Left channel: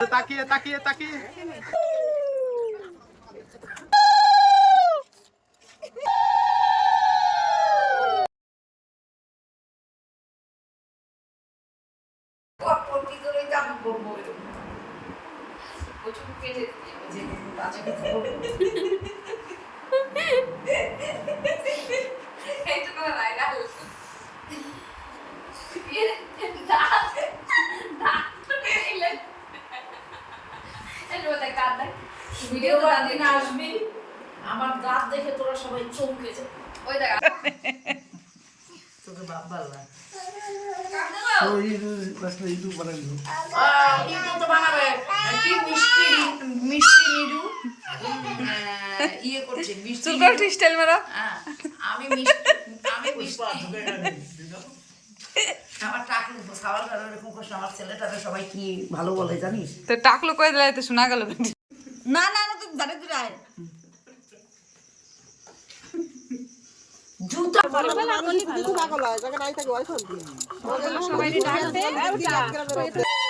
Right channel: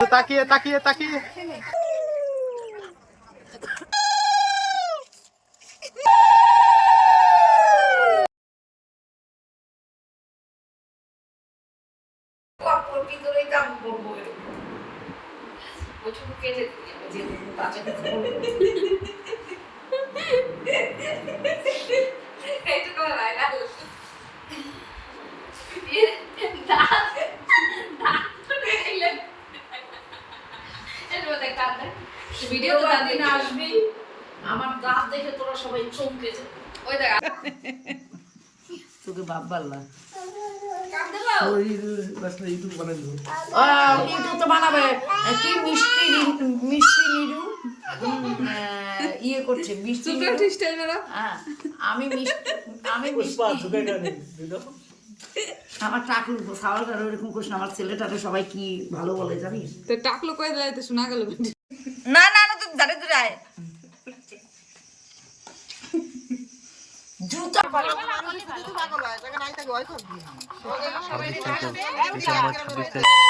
তাকিয়ে তাকিয়ে তাকিয়ে। কেটে দিয়ে যে বাজে কথা বলব। এইটুকু আমার ভাইরাল। এ, দাঁত, দাঁত তুলে দিলেন। এর মধ্যে কাঁদ দেয়। ভিডিও দ্বিতীয়বার দিন দিন আসবি আমার দাঁত দেখে তোরা সবাই চমকে যাবে। ওই দেখ তোকে বাপ বাল্লা ইউটিউব বানাই ইউটিউব তো বানাবে। কি মিষ্টি মিষ্টি নিরু? ইয়ে করছে মিষ্টি স্টাইল মারা আমি মিষ্টি আমি মিষ্টি আমার টাকলু সাওয়াল কারও এরকম কোশ আমার ছেলেটাকে সবাই কি ভালো বলে জানিস? তো টাকলো তো শোনা গেল। না না না তো জারে দূরে আয়। সবাই ডাকবে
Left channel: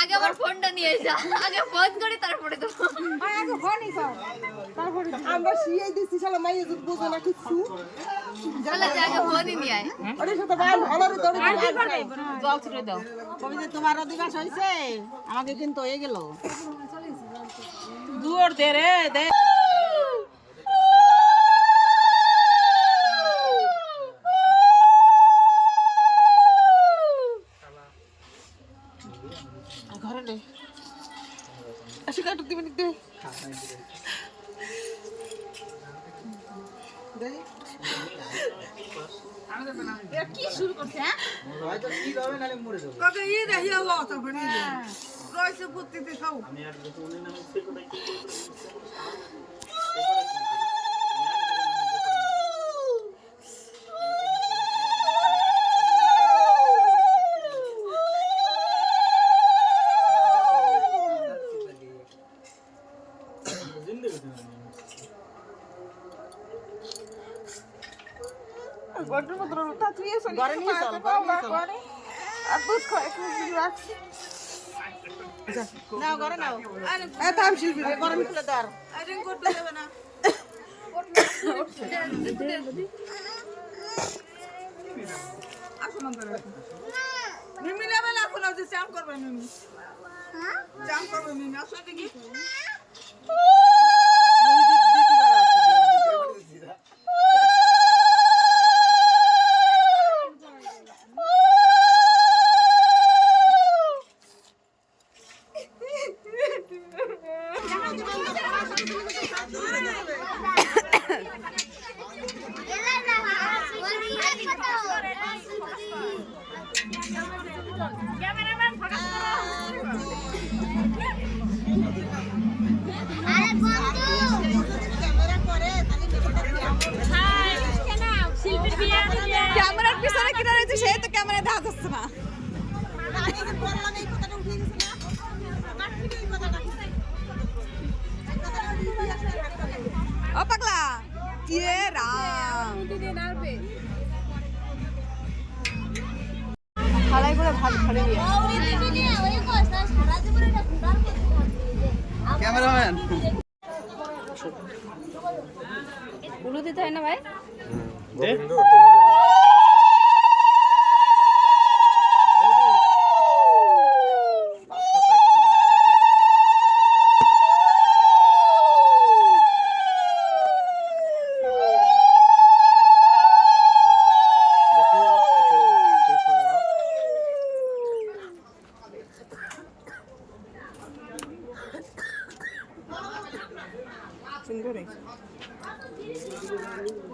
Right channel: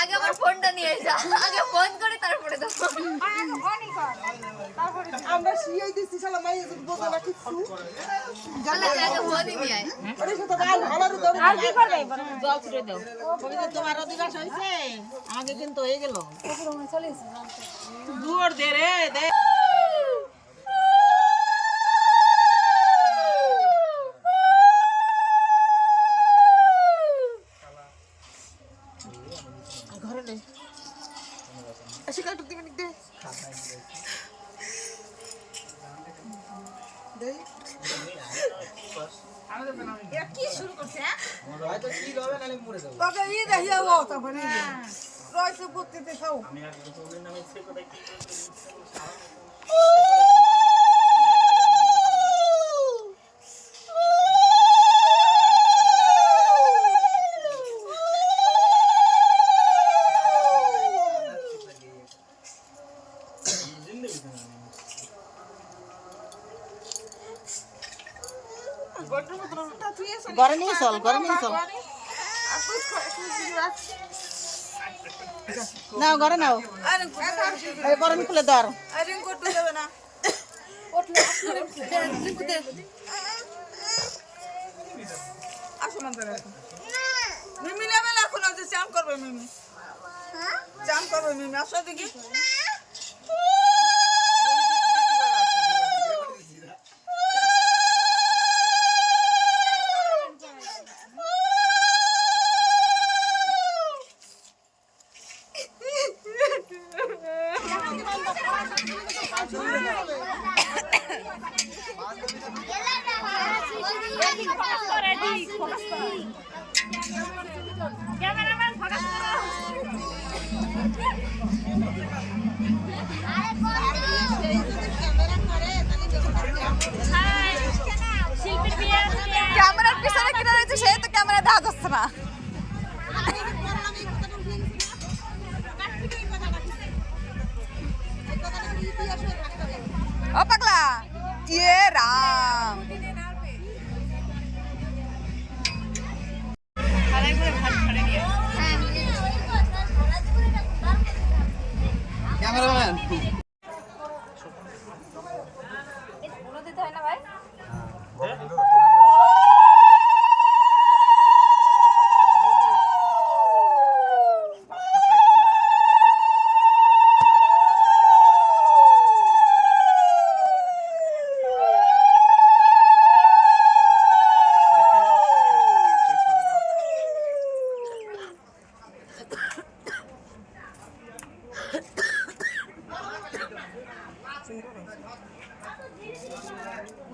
আগে আমার ফোনটা নিয়ে যা আগে ফোন করে তারপরে দাও আমরা সিয়াই দিছি শালা মাইয়ে যদি না কিছু তাহলে জায়গা ফোনই নিয়ে আয় আরে সেটা ভালো আমার দৌড় আর কি করবে জল ছুটে দাও কবিতা তোমার অধিকার হয়েছে আমাকে কিন্তু হয়ে গেল দুয়ার দে রে দে ঘরে নে আসি কাটু দিবেন দে দেই কাকা ই দেখিয়া ও তখন ই রয়েছে বুদ্ধিতে খাও ঘরে নিয়ে চল ঘরে নিয়ে চল নাও, ঘরে নাও। গরম খুলে ধর মিমি না এখন যে চাম করবে মিমি। চাম করবে মিমি, আসো দেখি। ক্যামেরার পিছনে কিনা রয়েছে সেই তো ক্যামেরা দেখা যাচ্ছে না। ক্যামেরাম্যান। গুলো তাই হয় না ভাই?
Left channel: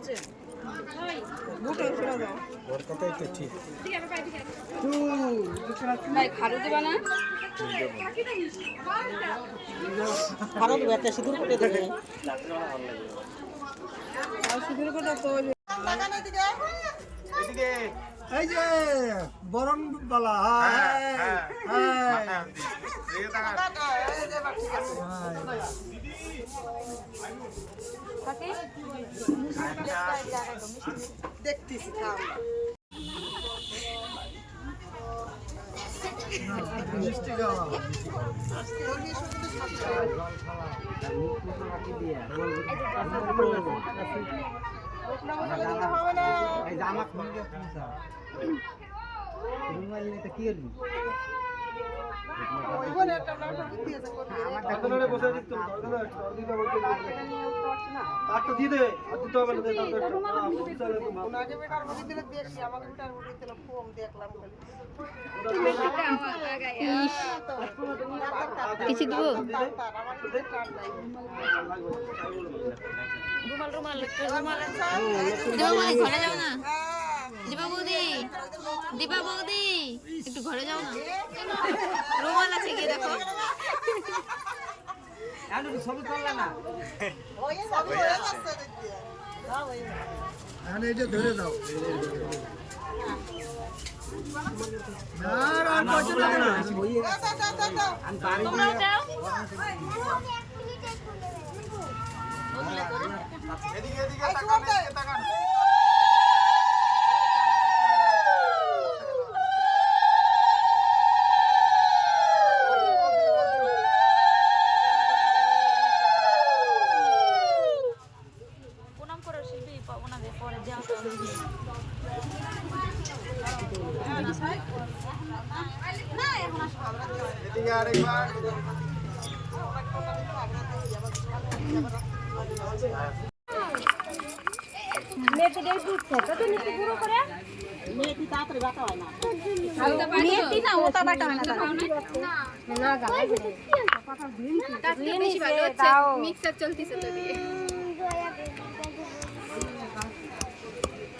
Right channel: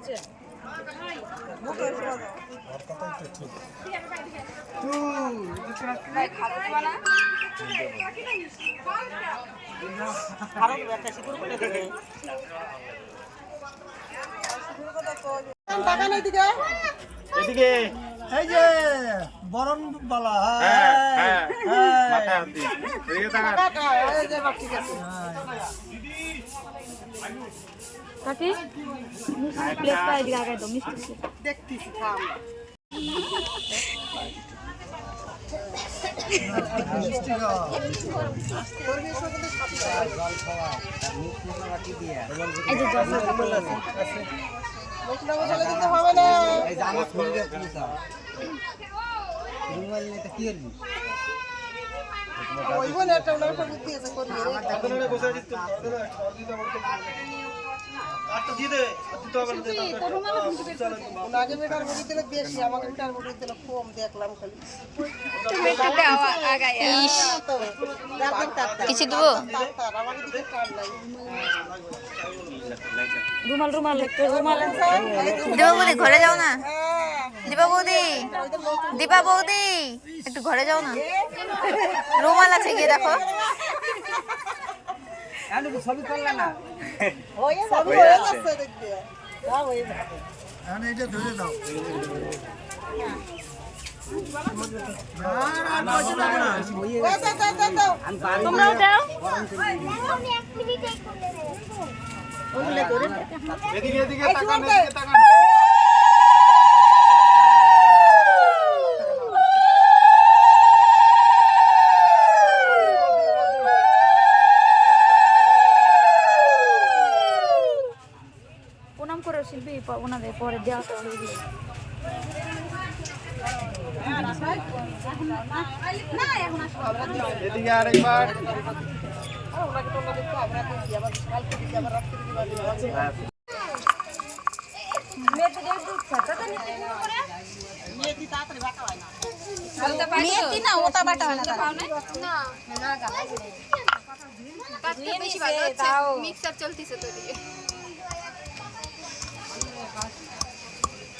না ভালো তো এদিকে। এই যে বরণ বালা হাই হাই। কাকি? প্লেটটা এদিকে আগাই দাও মিষ্টি দেখতেছি আপনারা বসে আছেন তো দাদা একটু দিতে বলতে কাট তো দিয়ে দে আর দিতে হবে না দে তারপর কিছু দেবো? রুমাল রুমাল একটু বৌদি ঘরে যাও না। দীপা বৌদি। দীপা বৌদি। একটু ঘরে যাও না। রুমাল আছে গিয়ে দেখো। হয়ে যাচ্ছে দেখতে হ্যাঁ এইটা ধরে পয়সা লাগে না দাও এদিকে এদিকে তাকান এদিকে তাকান মেয়েটি না বাটা হয় না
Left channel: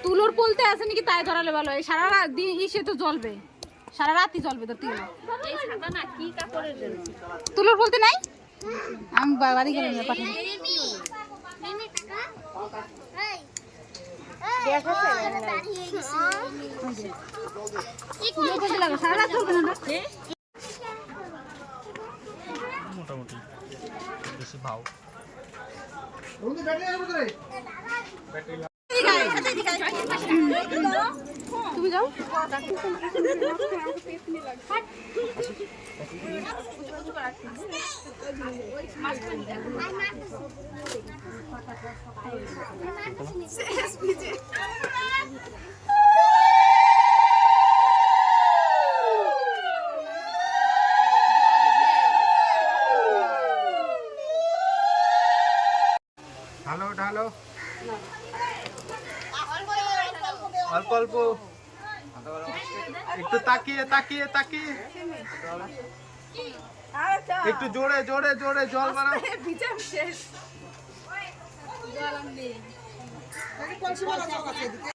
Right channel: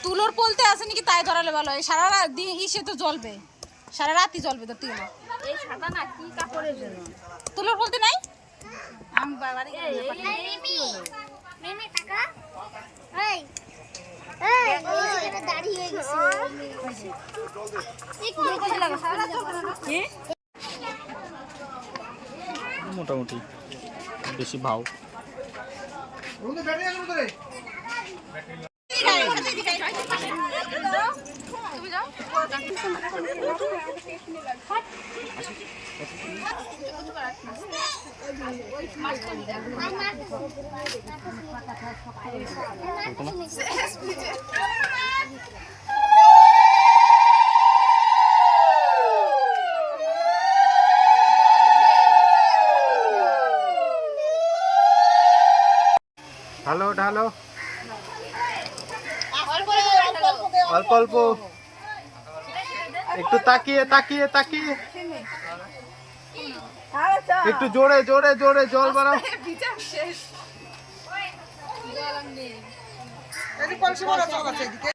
তুলোর পোলতে আছে নাকি তাই ধরালে ভালো সারা দিন ইসে তো জ্বলবে। সারা রাতই জ্বলবে তো তেল এই সাদা না কি কাপড়ের জন্য তুলোর বলতে নাই আমি বাড়ি গেলে মোটামুটি বেশি ভাও। দাঁড়িয়ে আছো কোথায় ঢালো ঢালো অল্প অল্প। একটু তাকিয়ে তাকিয়ে তাকিয়ে। একটু জোরে জোরে জোরে জল বাড়াও। কলসি বড় চাল আছে এদিকে।